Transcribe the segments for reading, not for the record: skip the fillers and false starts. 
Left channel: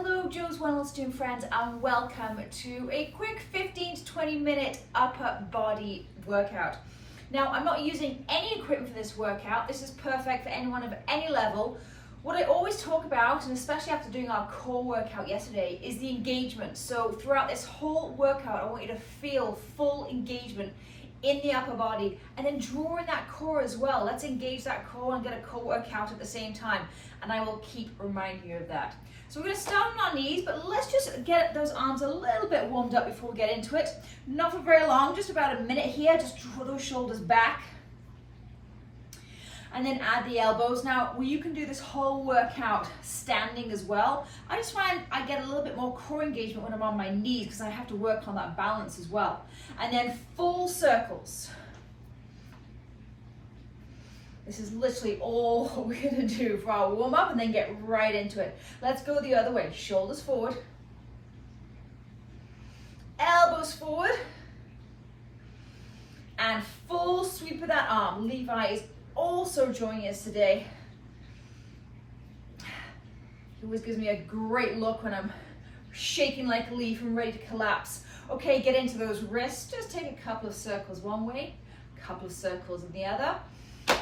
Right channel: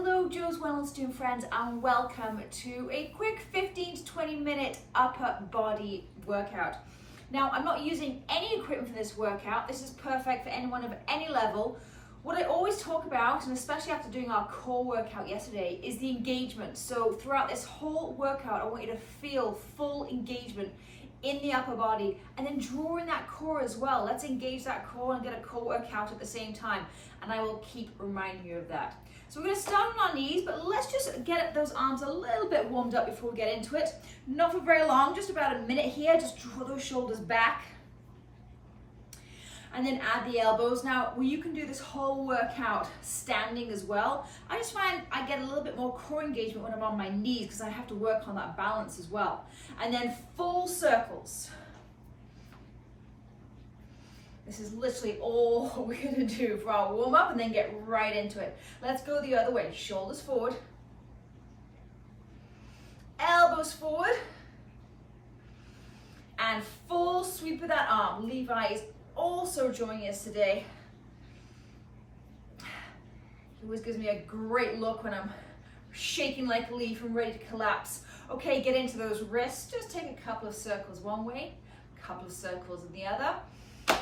Hello, Joe's Wellness Gym friends, and welcome to a quick 15 to 20 minute upper body workout. Now, I'm not using any equipment for this workout. This is perfect for anyone of any level. What I always talk about, and especially after doing our core workout yesterday, is the engagement. So throughout this whole workout, I want you to feel full engagement in the upper body and then draw in that core as well. Let's engage that core and get a core workout at the same time, and I will keep reminding you of that. So we're going to start on our knees, but let's just get those arms a little bit warmed up before we get into it. Not for very long, just about a minute here. Just draw those shoulders back and then add the elbows. Now, you can do this whole workout standing as well. I just find I get a little bit more core engagement when I'm on my knees because I have to work on that balance as well. And then full circles. This is literally all we're gonna do for our warm up and then get right into it. Let's go the other way. Shoulders forward. Elbows forward. And full sweep of that arm. Levi is also joining us today. He always gives me a great look when I'm shaking like a leaf and ready to collapse. Okay, get into those wrists. Just take a couple of circles one way, a couple of circles in the other.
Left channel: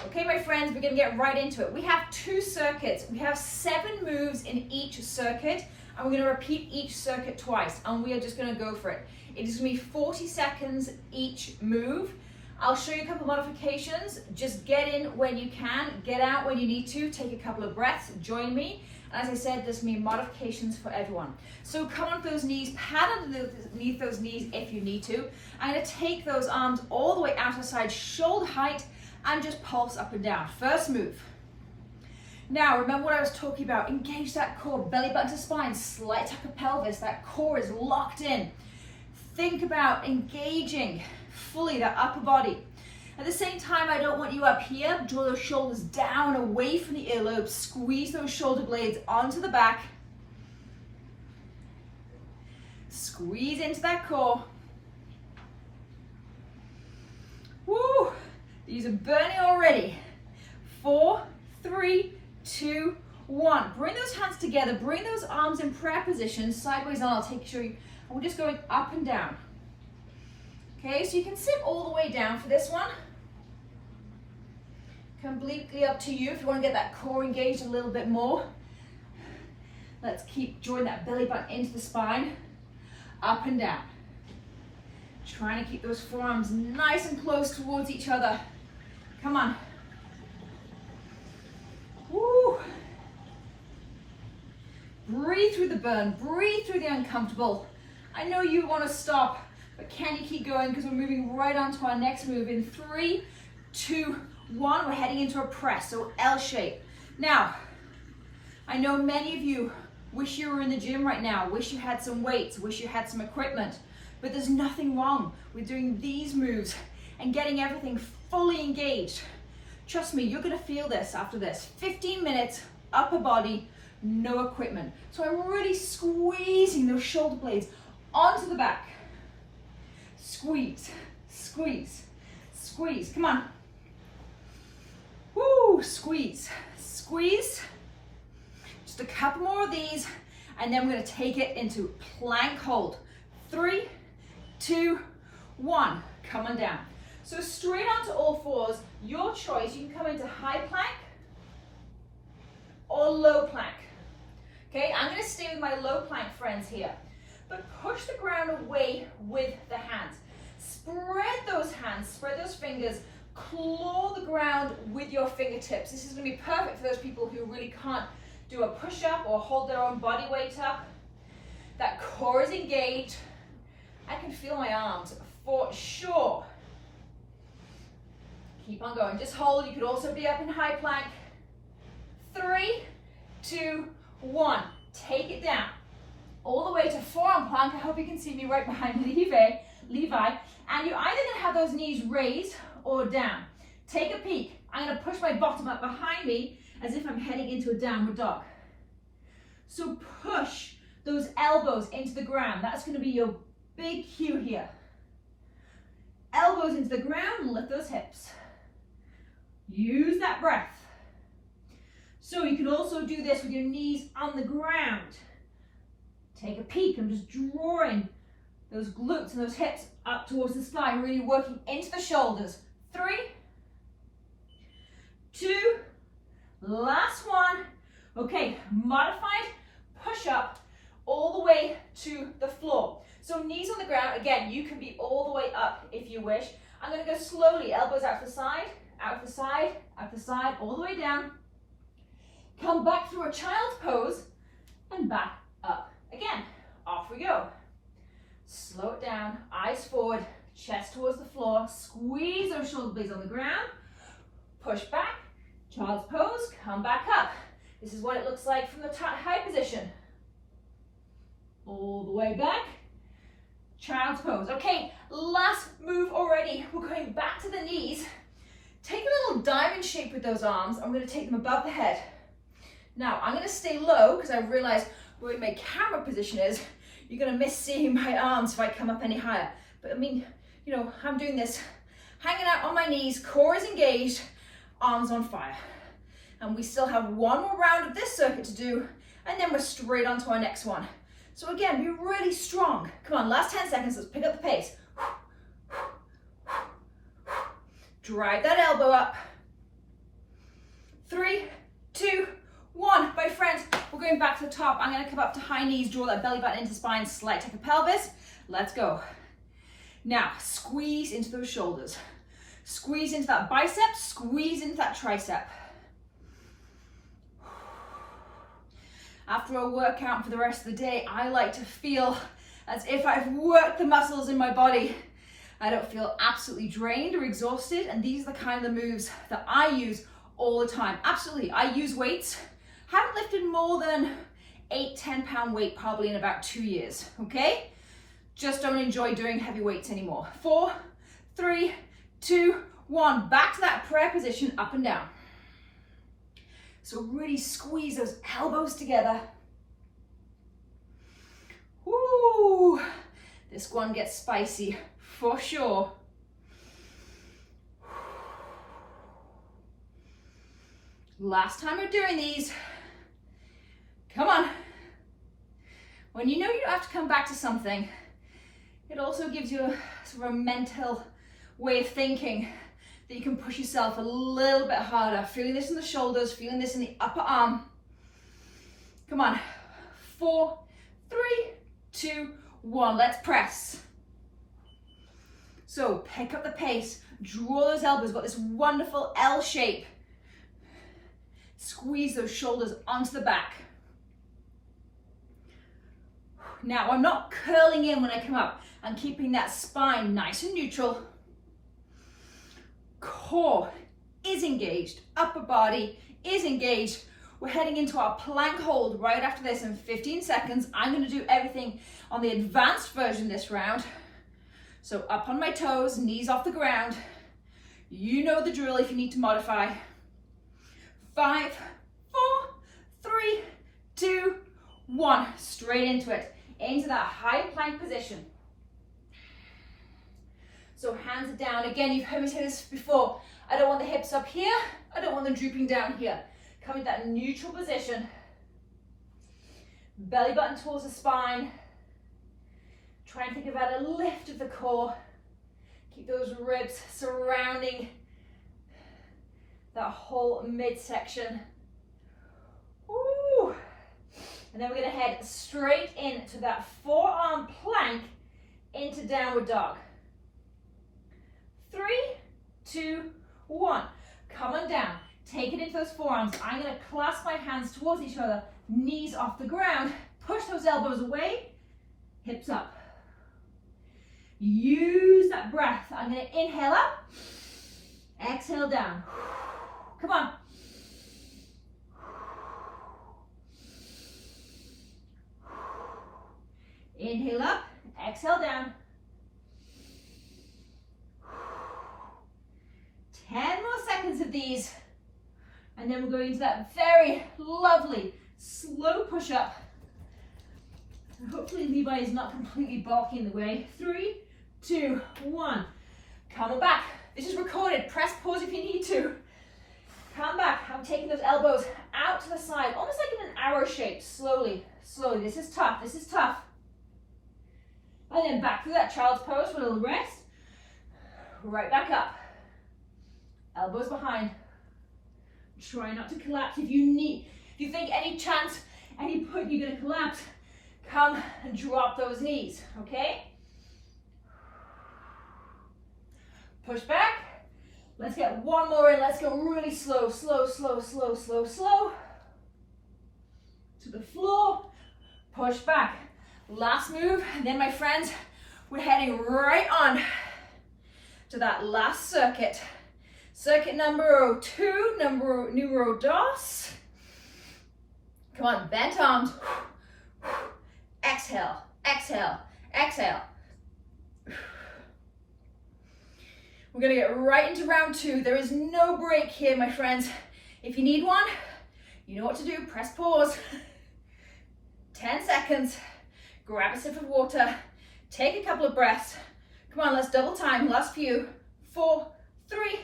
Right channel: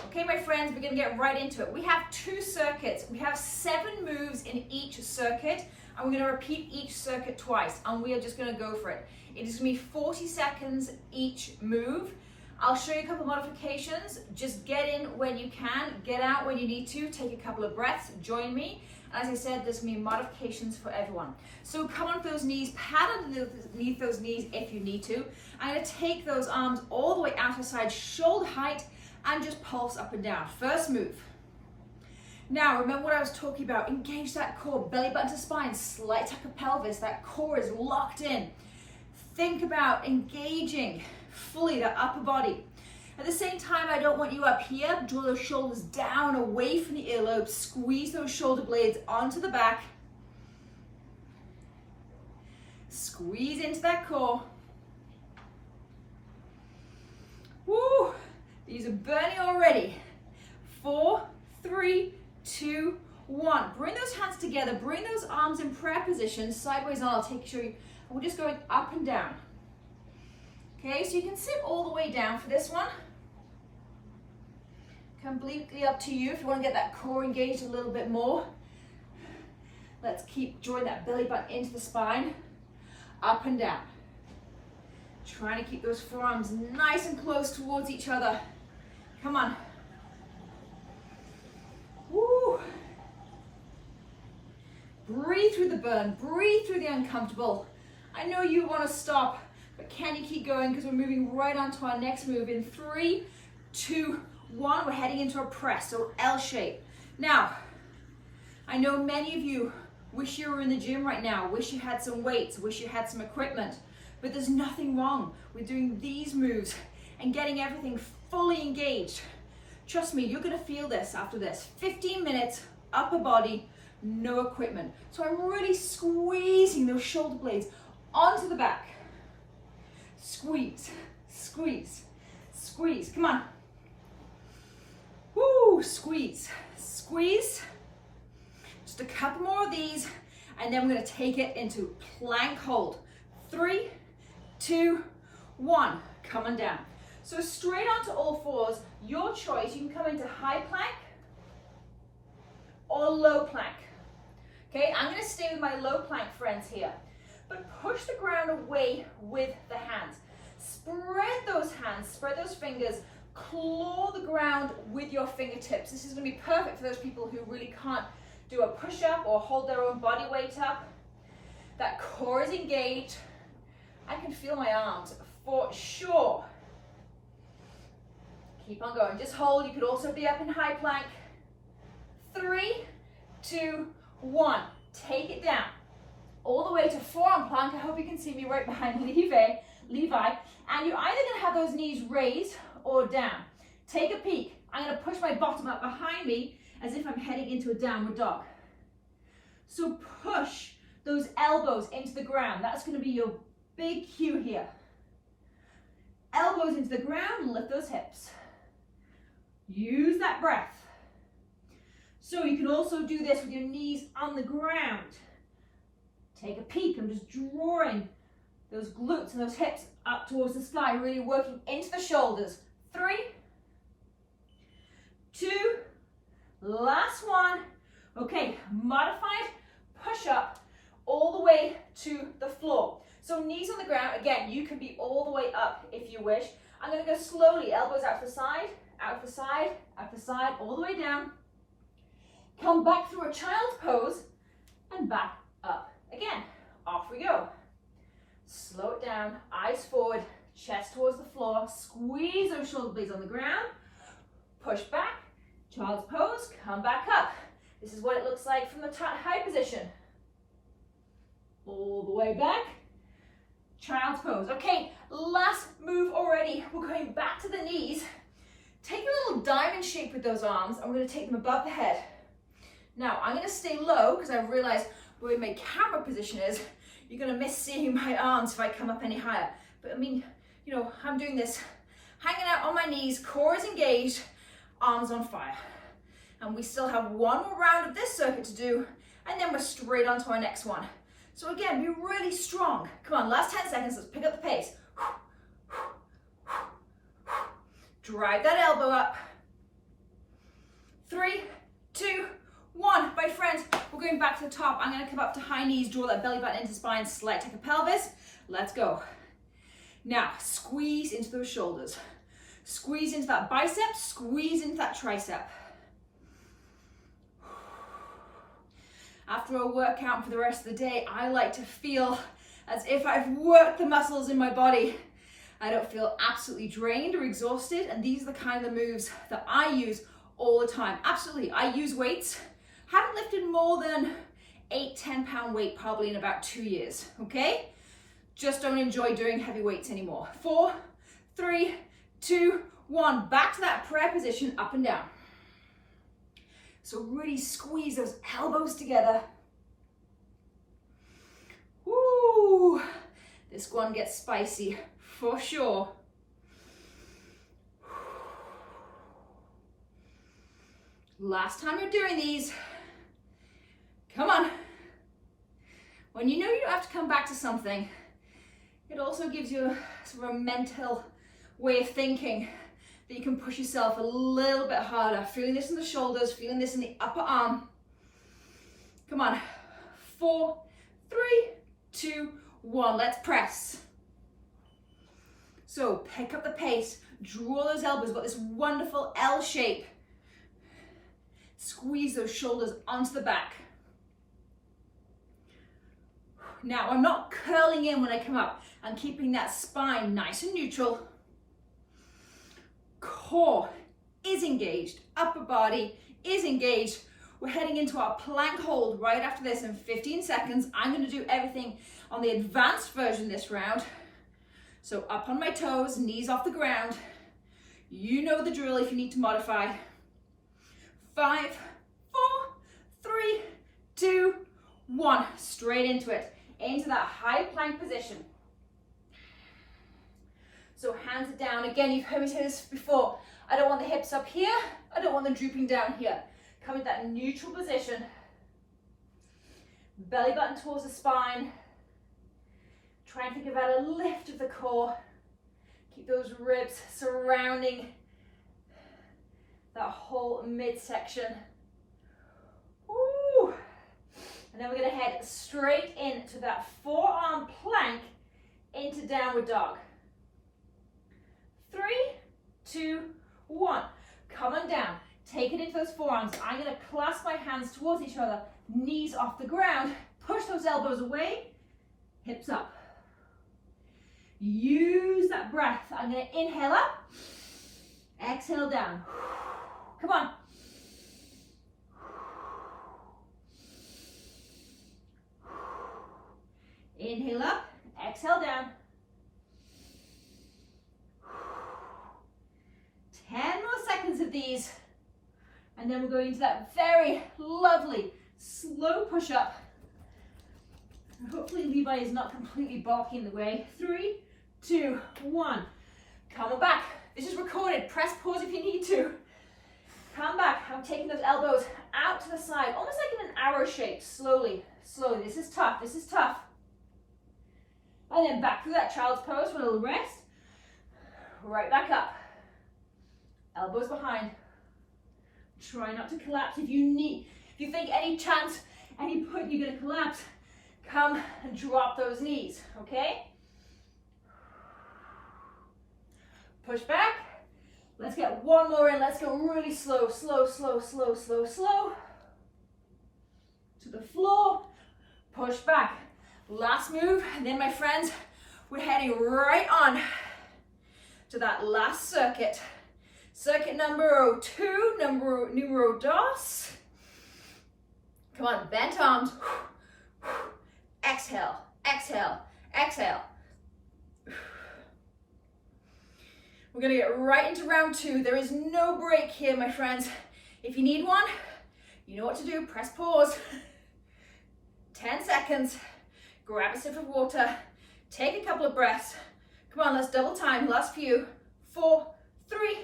Okay, my friends, we're gonna get right into it. We have 2 circuits. We have 7 moves in each circuit, and we're gonna repeat each circuit twice, and we are just gonna go for it. It is gonna be 40 seconds each move. I'll show you a couple of modifications. Just get in when you can, get out when you need to, take a couple of breaths, join me. And as I said, there's gonna be modifications for everyone. So come on those knees, pad underneath those knees if you need to. I'm gonna take those arms all the way out to side, shoulder height, and just pulse up and down. First move. Now, remember what I was talking about. Engage that core, belly button to spine, slight tuck of pelvis. That core is locked in. Think about engaging fully the upper body. At the same time, I don't want you up here. Draw those shoulders down, away from the earlobe. Squeeze those shoulder blades onto the back. Squeeze into that core. Woo! These are burning already. 4, 3, 2, 1. Bring those hands together. Bring those arms in prayer position. Sideways on. I'll show you. And we're just going up and down. Okay, so you can sit all the way down for this one. Completely up to you if you want to get that core engaged a little bit more. Let's keep drawing that belly button into the spine. Up and down. Trying to keep those forearms nice and close towards each other. Come on. Woo. Breathe through the burn. Breathe through the uncomfortable. I know you want to stop, but can you keep going? Because we're moving right on to our next move in 3, 2, 1. We're heading into a press, so L shape. Now, I know many of you wish you were in the gym right now, wish you had some weights, wish you had some equipment, but there's nothing wrong with doing these moves and getting everything fully engaged. Trust me, you're gonna feel this after this. 15 minutes, upper body, no equipment. So I'm really squeezing those shoulder blades onto the back. Squeeze, squeeze, squeeze. Come on. Woo, squeeze, squeeze. Just a couple more of these, and then we're gonna take it into plank hold. 3, 2, 1. Come on down. So straight onto all fours, your choice. You can come into high plank or low plank. Okay, I'm gonna stay with my low plank friends here. But push the ground away with the hands. Spread those hands, spread those fingers, claw the ground with your fingertips. This is gonna be perfect for those people who really can't do a push-up or hold their own body weight up. That core is engaged. I can feel my arms for sure. Keep on going, just hold. You could also be up in high plank. 3, 2, 1. Take it down. All the way to forearm plank. I hope you can see me right behind Levi. And you're either gonna have those knees raised or down. Take a peek. I'm gonna push my bottom up behind me as if I'm heading into a downward dog. So push those elbows into the ground. That's gonna be your big cue here. Elbows into the ground and lift those hips. Use that breath. So you can also do this with your knees on the ground. Take a peek. I'm just drawing those glutes and those hips up towards the sky, really working into the shoulders. 3, 2, last one. Okay, modified push-up all the way to the floor. So knees on the ground. Again, you can be all the way up if you wish. I'm going to go slowly, elbows out to the side, out to the side, out to the side, all the way down. Come back through a child's pose and back up. Again, off we go. Slow it down, eyes forward, chest towards the floor, squeeze those shoulder blades on the ground, push back, child's pose, come back up. This is what it looks like from the high position. All the way back, child's pose. Okay, last move already. We're going back to the knees. Take a little diamond shape with those arms. I'm going to take them above the head. Now, I'm going to stay low because I realize where my camera position is. You're going to miss seeing my arms if I come up any higher. But I mean, you know, I'm doing this, hanging out on my knees, core is engaged, arms on fire. And we still have one more round of this circuit to do, and then we're straight on to our next one. So again, be really strong. Come on, last 10 seconds, let's pick up the pace. Drive that elbow up. 3, 2, 1. My friends, we're going back to the top. I'm going to come up to high knees, draw that belly button into spine, slight tuck of pelvis. Let's go. Now, squeeze into those shoulders. Squeeze into that bicep, squeeze into that tricep. After a workout for the rest of the day, I like to feel as if I've worked the muscles in my body. I don't feel absolutely drained or exhausted, and these are the kind of moves that I use all the time. Absolutely, I use weights. Haven't lifted more than 8-10 pound weight probably in about 2 years, okay? Just don't enjoy doing heavy weights anymore. 4, 3, 2, 1. Back to that prayer position, up and down. So really squeeze those elbows together. Woo! This one gets spicy for sure. Last time you're doing these. Come on. When you know you don't have to come back to something, it also gives you a sort of a mental way of thinking that you can push yourself a little bit harder. Feeling this in the shoulders, feeling this in the upper arm. Come on. 4, 3, 2, 1. Let's press. So pick up the pace, draw those elbows, got this wonderful L shape. Squeeze those shoulders onto the back. Now I'm not curling in when I come up. I'm keeping that spine nice and neutral. Core is engaged, upper body is engaged. We're heading into our plank hold right after this in 15 seconds. I'm going to do everything on the advanced version this round. So up on my toes, knees off the ground. You know the drill if you need to modify. 5, 4, 3, 2, 1. Straight into it, into that high plank position. So hands are down. Again, you've heard me say this before. I don't want the hips up here. I don't want them drooping down here. Come to that neutral position. Belly button towards the spine. Try and think about a lift of the core. Keep those ribs surrounding that whole midsection. Ooh. And then we're going to head straight into that forearm plank into downward dog. 3, 2, 1. Come on down. Take it into those forearms. I'm going to clasp my hands towards each other, knees off the ground. Push those elbows away, hips up. Use that breath. I'm going to inhale up, exhale down. Come on. Inhale up, exhale down. 10 more seconds of these. And then we're going into that very lovely slow push-up. Hopefully Levi is not completely balking the way. 3, 2, 1. Come on back. This is recorded. Press pause if you need to. Come back. I'm taking those elbows out to the side, almost like in an arrow shape, slowly, slowly. This is tough, this is tough. And then back to that child's pose for a little rest. Right back up. Elbows behind. Try not to collapse. If you think any chance, any point you're gonna collapse, come and drop those knees, okay? Push back. Let's get one more in. Let's go really slow, slow, slow, slow, slow, slow. To the floor. Push back. Last move. And then, my friends, we're heading right on to that last circuit. Circuit number 2, numero dos. Come on, bent arms. Exhale, exhale, exhale. We're gonna get right into round 2. There is no break here, my friends. If you need one, you know what to do. Press pause. 10 seconds. Grab a sip of water. Take a couple of breaths. Come on, let's double time. Last few. 4, 3,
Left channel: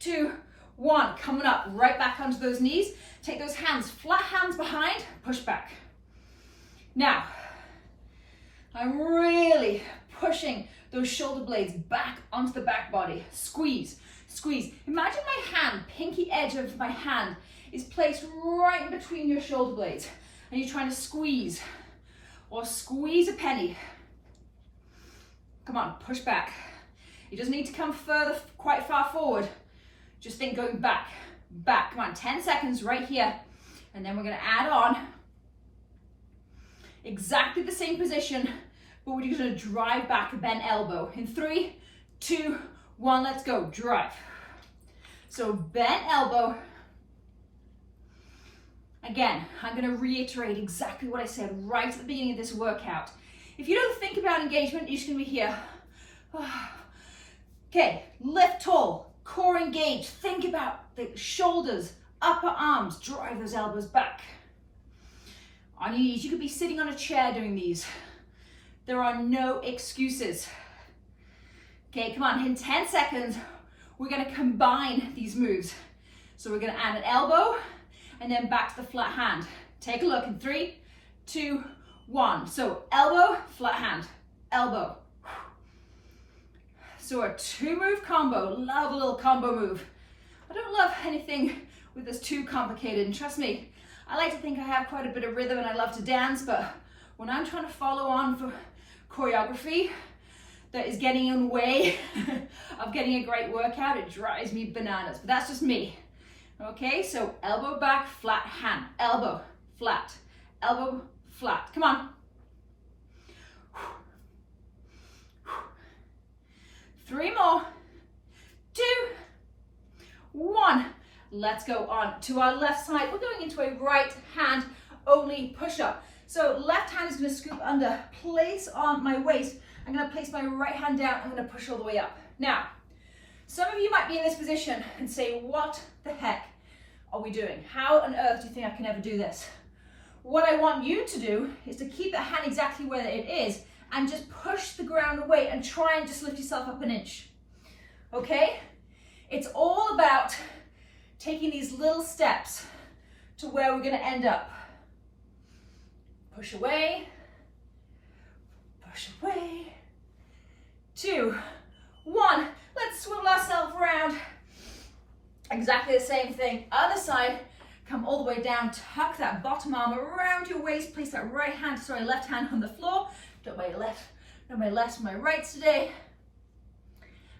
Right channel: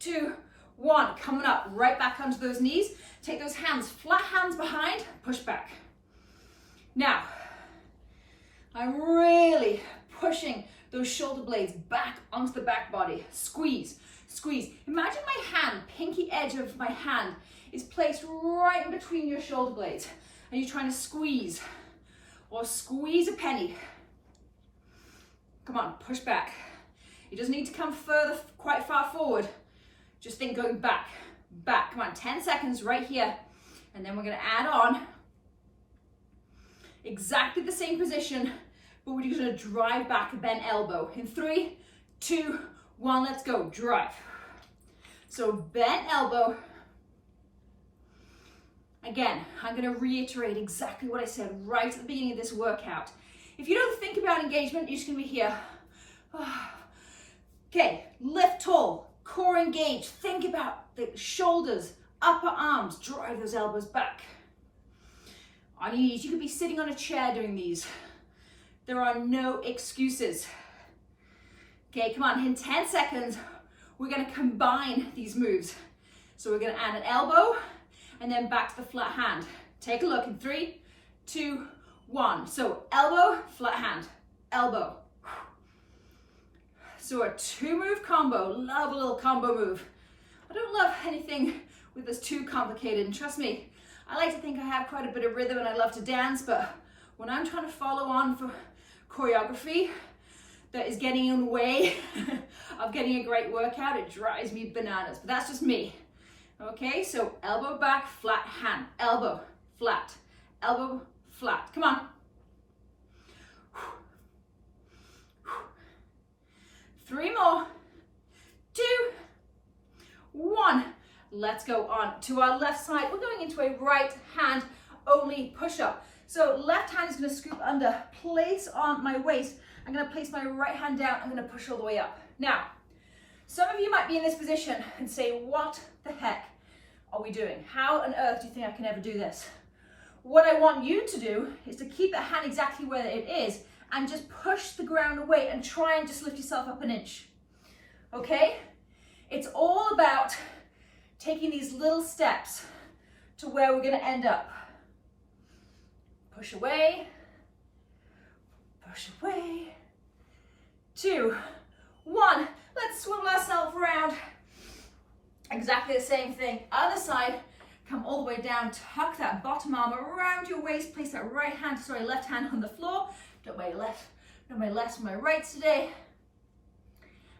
2, 1. Coming up, right back onto those knees. Take those hands, flat hands behind, push back. Now, I'm really pushing those shoulder blades back onto the back body. Squeeze, squeeze. Imagine my hand, pinky edge of my hand is placed right in between your shoulder blades, and you're trying to squeeze or squeeze a penny. Come on, push back. It doesn't need to come further, quite far forward. Just think going back, back. Come on, 10 seconds right here. And then we're gonna add on exactly the same position, but we're just gonna drive back a bent elbow. In 3, 2, 1, let's go, drive. So bent elbow. Again, I'm gonna reiterate exactly what I said right at the beginning of this workout. If you don't think about engagement, you're just gonna be here. Okay, lift tall, core engaged. Think about the shoulders, upper arms, drive those elbows back. On your knees, you could be sitting on a chair doing these. There are no excuses. Okay, come on, in 10 seconds, we're gonna combine these moves. So we're gonna add an elbow and then back to the flat hand. Take a look in 3, 2, 1. So elbow, flat hand, elbow. So a 2-move combo. Love a little combo move. I don't love anything with this too complicated, and trust me, I like to think I have quite a bit of rhythm and I love to dance, but when I'm trying to follow on for choreography that is getting in the way of getting a great workout, it drives me bananas, but that's just me. Okay, so elbow back, flat hand, elbow, flat, elbow, flat. Come on. 3 more, 2, 1. Let's go on to our left side. We're going into a right hand only push-up. So left hand is gonna scoop under, place on my waist. I'm gonna place my right hand down. I'm gonna push all the way up. Now, some of you might be in this position and say, what the heck are we doing? How on earth do you think I can ever do this? What I want you to do is to keep that hand exactly where it is and just push the ground away and try and just lift yourself up an inch. Okay? It's all about taking these little steps to where we're gonna end up. Push away, push away. 2, 1. Let's swivel ourselves around. Exactly the same thing. Other side, come all the way down, tuck that bottom arm around your waist, place that left hand on the floor. Don't my left, my right today.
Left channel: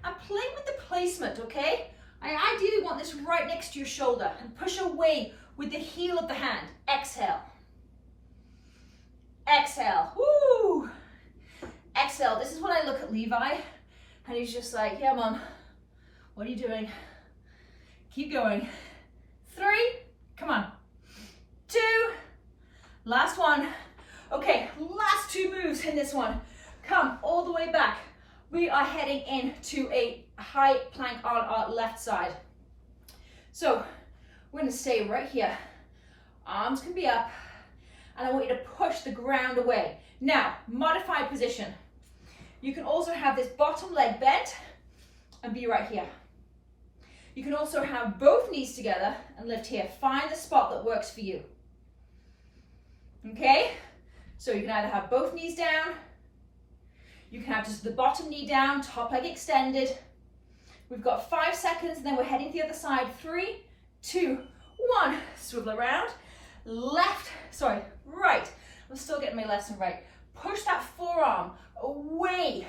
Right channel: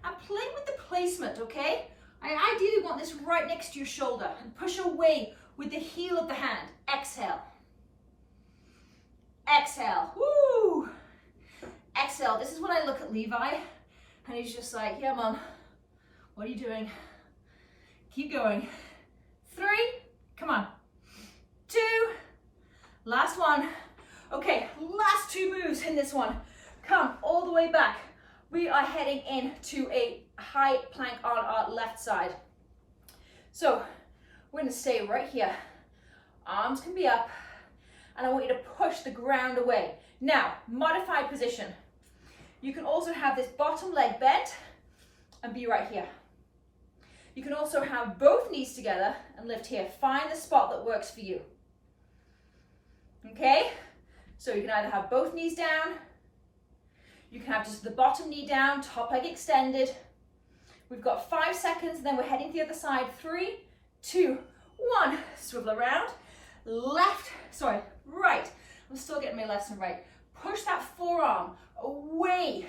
And play with the placement, okay? I ideally want this right next to your shoulder and push away with the heel of the hand. Exhale. Exhale. Woo! Exhale. This is when I look at Levi and he's just like, yeah, Mom, what are you doing? Keep going. 3, come on. 2, last one. Okay, last 2 moves in this one. Come all the way back. We are heading into a high plank on our left side. So we're gonna stay right here. Arms can be up, and I want you to push the ground away. Now, modified position. You can also have this bottom leg bent and be right here. You can also have both knees together and lift here. Find the spot that works for you. Okay? So you can either have both knees down, you can have just the bottom knee down, top leg extended. We've got 5 seconds, and then we're heading to the other side. 3, 2, 1. Swivel around. Right. I'm still getting my left and right. Push that forearm away.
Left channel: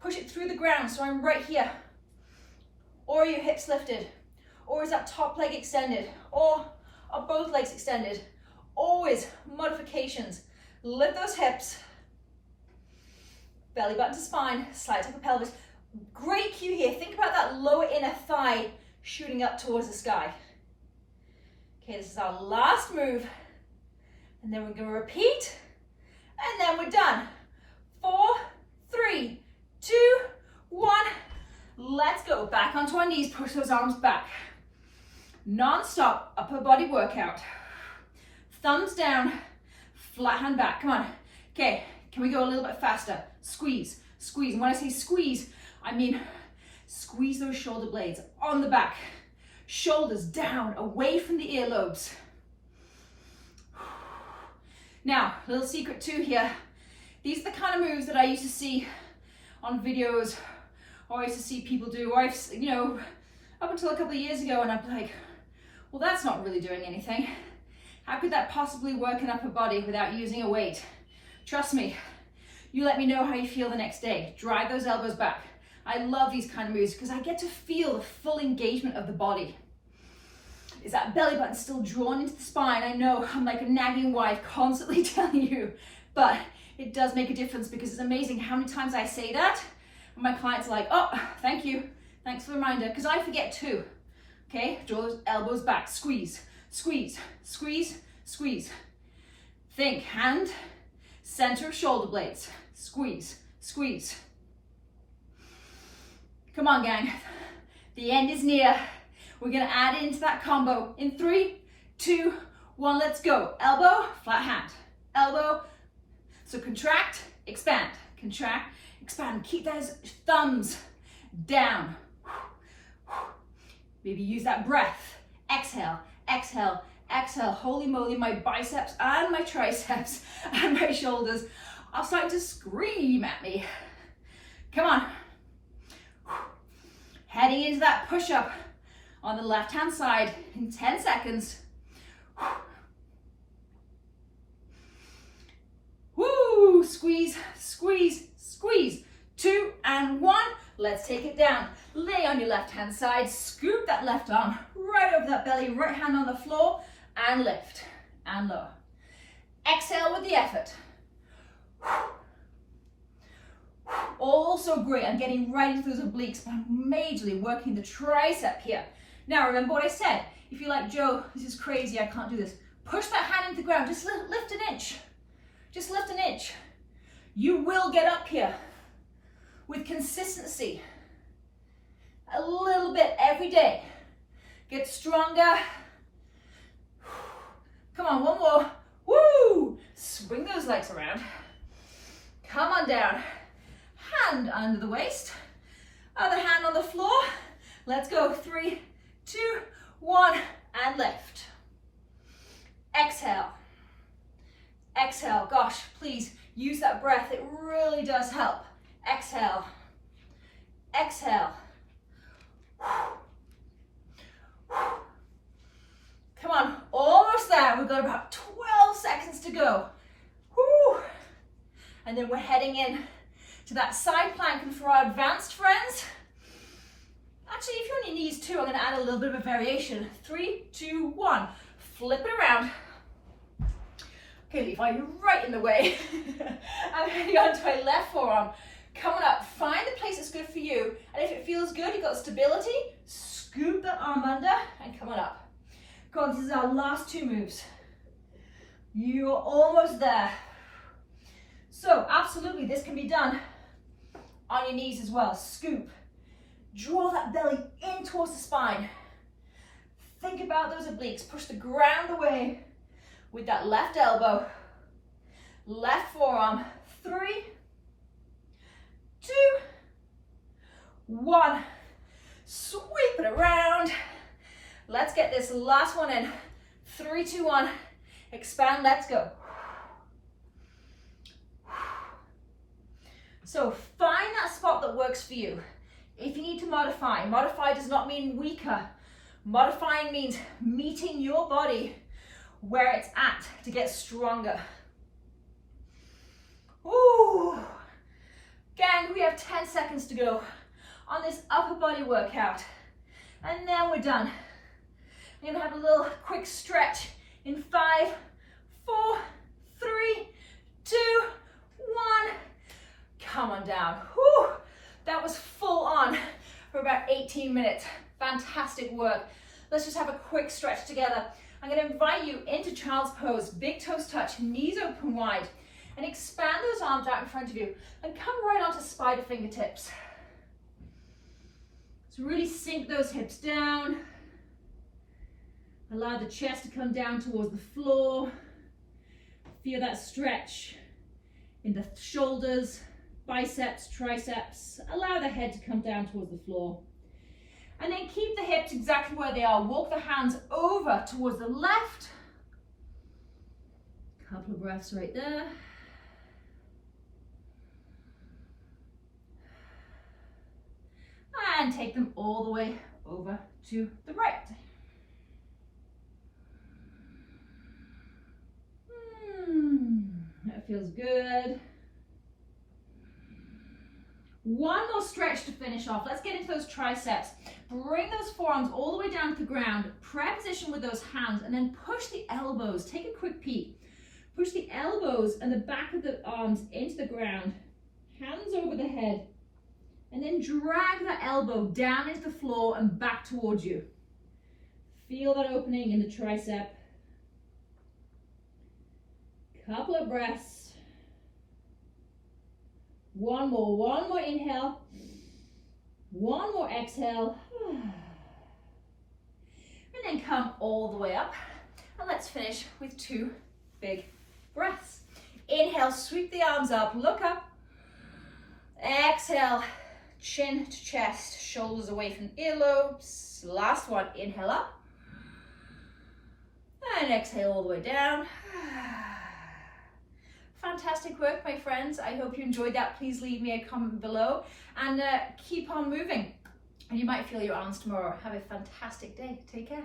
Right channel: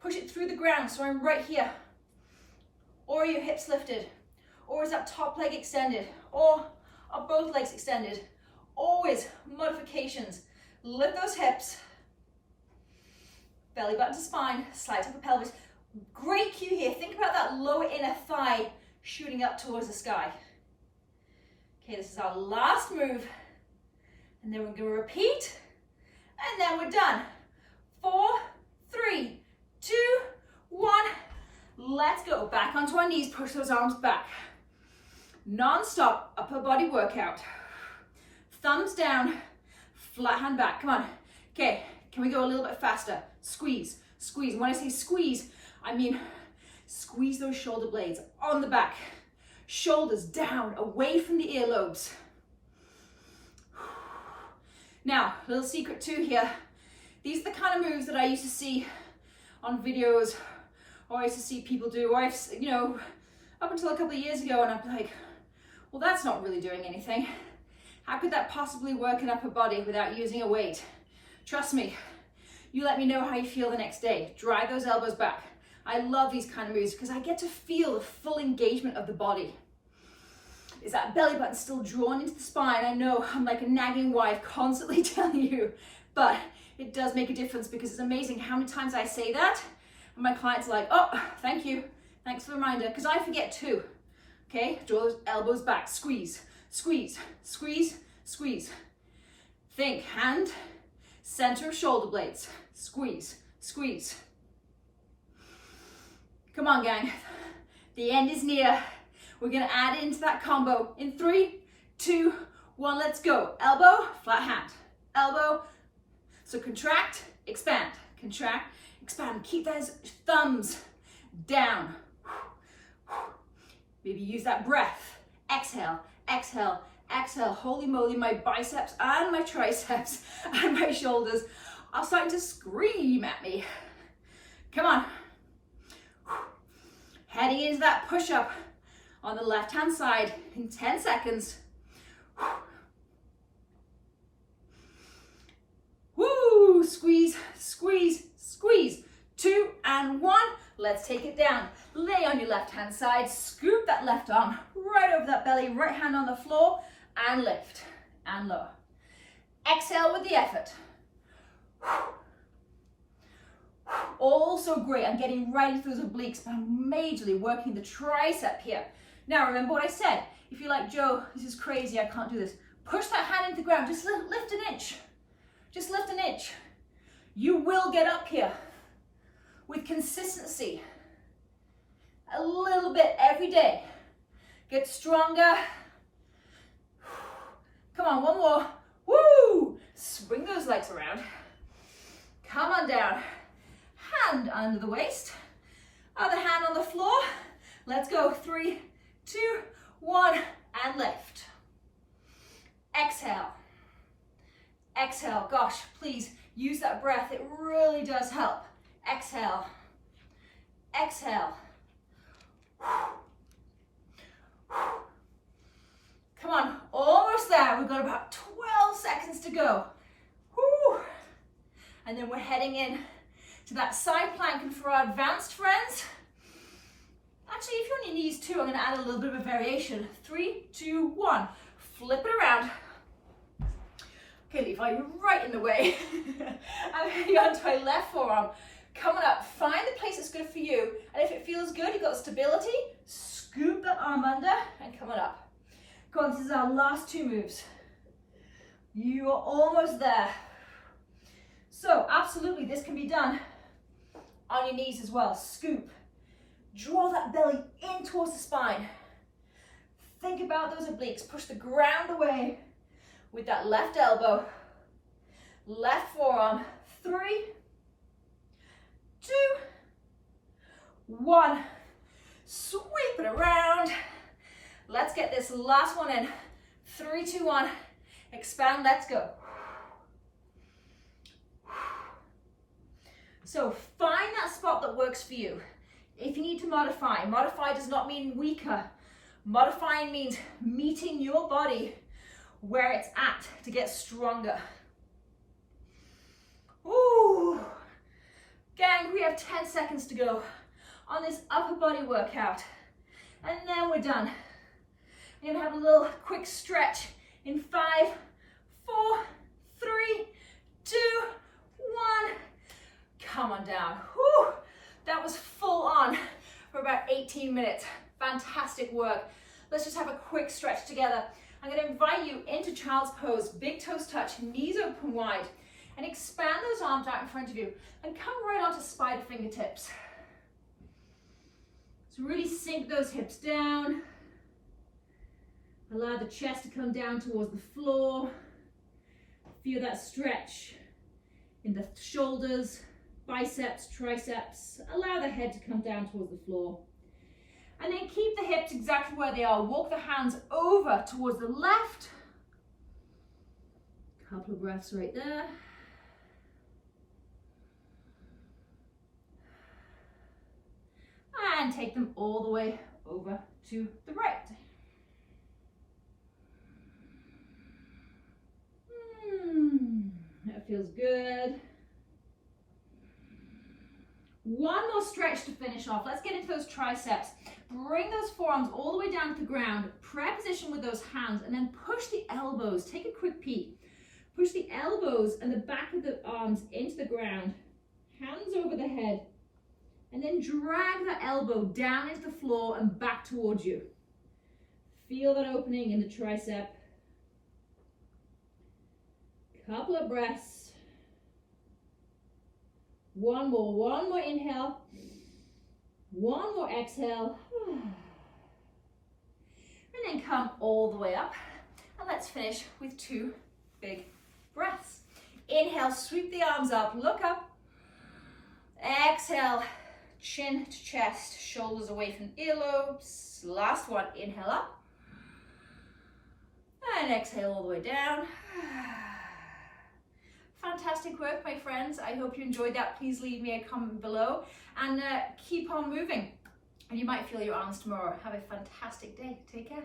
Push it through the ground so I'm right here. Or are your hips lifted? Or is that top leg extended? Or are both legs extended? Always modifications. Lift those hips. Belly button to spine, slide to the pelvis. Great cue here. Think about that lower inner thigh shooting up towards the sky. Okay, this is our last move. And then we're going to repeat. And then we're done. 4, 3, 2, 1. Let's go. Back onto our knees. Push those arms back. Non-stop upper body workout. Thumbs down. Flat hand back. Come on. Okay, can we go a little bit faster? Squeeze, squeeze. And when I say squeeze, I mean squeeze those shoulder blades on the back. Shoulders down, away from the earlobes. Now, little secret too here. These are the kind of moves that I used to see on videos, or I used to see people do, or I've, up until a couple of years ago, and I'm like, well, that's not really doing anything. How could that possibly work an upper body without using a weight? Trust me, you let me know how you feel the next day. Drive those elbows back. I love these kind of moves because I get to feel the full engagement of the body. Is that belly button still drawn into the spine? I know I'm like a nagging wife constantly telling you, but it does make a difference because it's amazing how many times I say that and my clients are like, oh, thank you. Thanks for the reminder, because I forget too. Okay, draw those elbows back, squeeze, squeeze, squeeze, squeeze. Think hand, center of shoulder blades, squeeze, squeeze. Come on, gang. The end is near. We're gonna add into that combo in 3, 2, 1, let's go. Elbow, flat hand, elbow. So contract, expand, contract, expand. Keep those thumbs down. Maybe use that breath. Exhale, exhale, exhale. Holy moly, my biceps and my triceps and my shoulders are starting to scream at me. Come on. Heading into that push-up on the left-hand side in 10 seconds. Woo! Squeeze, squeeze, squeeze. 2 and 1. Let's take it down. Lay on your left-hand side. Scoop that left arm right over that belly. Right hand on the floor. And lift. And lower. Exhale with the effort. Also great. I'm getting right into those obliques, but I'm majorly working the tricep here. Now, remember what I said. If you're like, Joe, this is crazy, I can't do this. Push that hand into the ground. Just lift an inch. Just lift an inch. You will get up here with consistency. A little bit every day. Get stronger. Come on, one more. Woo! Swing those legs around. Come on down. Hand under the waist. Other hand on the floor. Let's go. 3, 2, 1, and lift. Exhale. Exhale. Gosh, please use that breath. It really does help. Exhale. Exhale. Come on, almost there. We've got about 12 seconds to go. Whew. And then we're heading in to that side plank. And for our advanced friends, actually, if you're on your knees too, I'm going to add a little bit of a variation. 3, 2, 1. Flip it around. Okay, Levi, you're right in the way. I'm heading onto my left forearm. Coming up, find the place that's good for you. And if it feels good, you've got stability, scoop that arm under and coming up. Go on, this is our last 2 moves. You are almost there. So, absolutely, this can be done on your knees as well. Scoop. Draw that belly in towards the spine. Think about those obliques. Push the ground away with that left elbow. Left forearm. 3, 2, 1. Sweep it around. Let's get this last one in. 3, 2, 1. Expand, let's go. So find that spot that works for you. If you need to modify, modify does not mean weaker. Modifying means meeting your body where it's at to get stronger. Ooh. Gang, we have 10 seconds to go on this upper body workout. And then we're done. I'm gonna have a little quick stretch in 5, 4, 3, 2, 1. Come on down. Whew. That was full on for about 18 minutes. Fantastic work. Let's just have a quick stretch together. I'm going to invite you into child's pose, big toes touch, knees open wide, and expand those arms out in front of you and come right onto spider fingertips. So really sink those hips down. Allow the chest to come down towards the floor. Feel that stretch in the shoulders, biceps, triceps. Allow the head to come down towards the floor. And then keep the hips exactly where they are. Walk the hands over towards the left. Couple of breaths right there. And take them all the way over to the right. That feels good. One more stretch to finish off. Let's get into those triceps. Bring those forearms all the way down to the ground. Prayer position with those hands and then push the elbows. Take a quick peek. Push the elbows and the back of the arms into the ground. Hands over the head. And then drag that elbow down into the floor and back towards you. Feel that opening in the tricep. Couple of breaths. One more inhale. One more exhale. And then come all the way up. And let's finish with 2 big breaths. Inhale, sweep the arms up, look up. Exhale, chin to chest, shoulders away from earlobes. Last one, inhale up. And exhale all the way down. Fantastic work, my friends. I hope you enjoyed that. Please leave me a comment below and keep on moving. And you might feel your arms tomorrow. Have a fantastic day. Take care.